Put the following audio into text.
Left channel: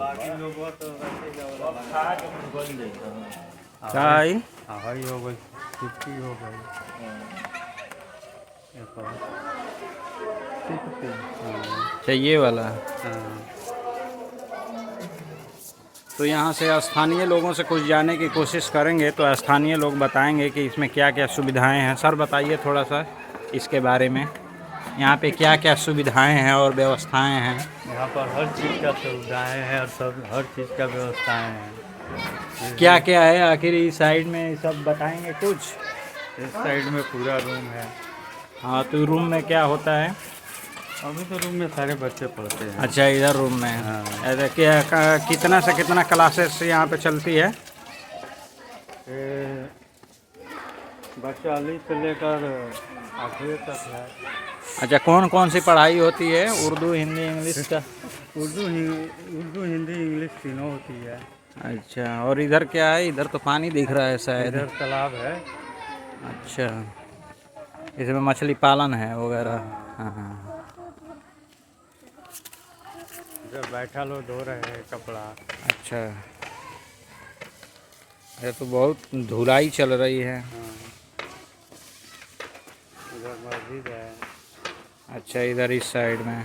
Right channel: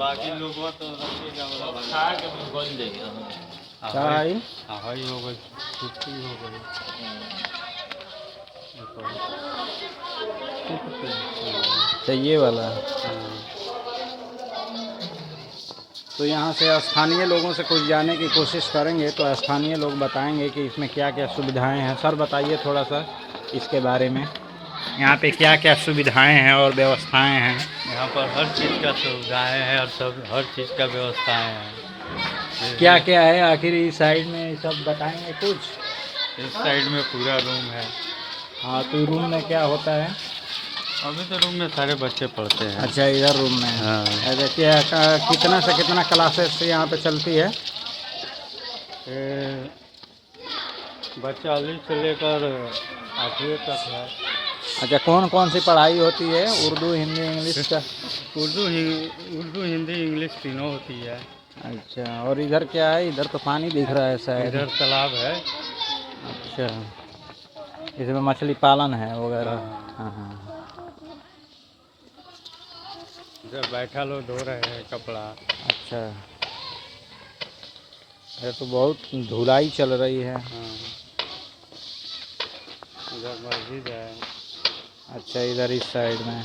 बाकी लोगों तो खा के मैं खोल देगा। चाय हरी हो गई, छुट्टी हो गई। चाहिए वाला। तो यहाँ से स्थानीय लोगों से कुछ जानने की कोशिश करेंगे, तो स्थानीय लोग बताएंगे कि इसमें क्या क्या सुविधाएं हैं। सर बताइए थोड़ा सा इसके बारे में, यहाँ पे क्या क्या सुविधाएं हैं और व्यवस्थाएं हैं। यहाँ पर हर चीज़ का सुविधाएं हैं और सब हर चीज़ का व्यवस्थाएं हैं। क्या क्या है आखिर इस साइड में, सब बताएंगे कुछ। इस साइड में पूरा रूम है। हाँ, तो रूम में क्या होता है? अभी तो रूम में सारे बच्चे पढ़ते हैं। अच्छा, इधर रूम में है। हाँ। ऐसा क्या कितना से कितना क्लासेस यहाँ पे चलती है? बच्चा अली से लेकर 8वीं तक है। अच्छा, कौन कौन सी पढ़ाई होती है? उर्दू, हिंदी, इंग्लिश का? उर्दू हिंदी इंग्लिश तीनों होती है। अच्छा, और इधर क्या है? इधर तो पानी दिख रहा है शायद। इधर तालाब है। अच्छा, इसमें मछली पालन है वगैरह। हाँ हाँ। इधर बैठा लोग धो रहे हैं कपड़ा। अच्छा, ये तो बहुत धुलाई चल रही है। इधर मस्जिद है। अच्छा, इधर इस साइड में।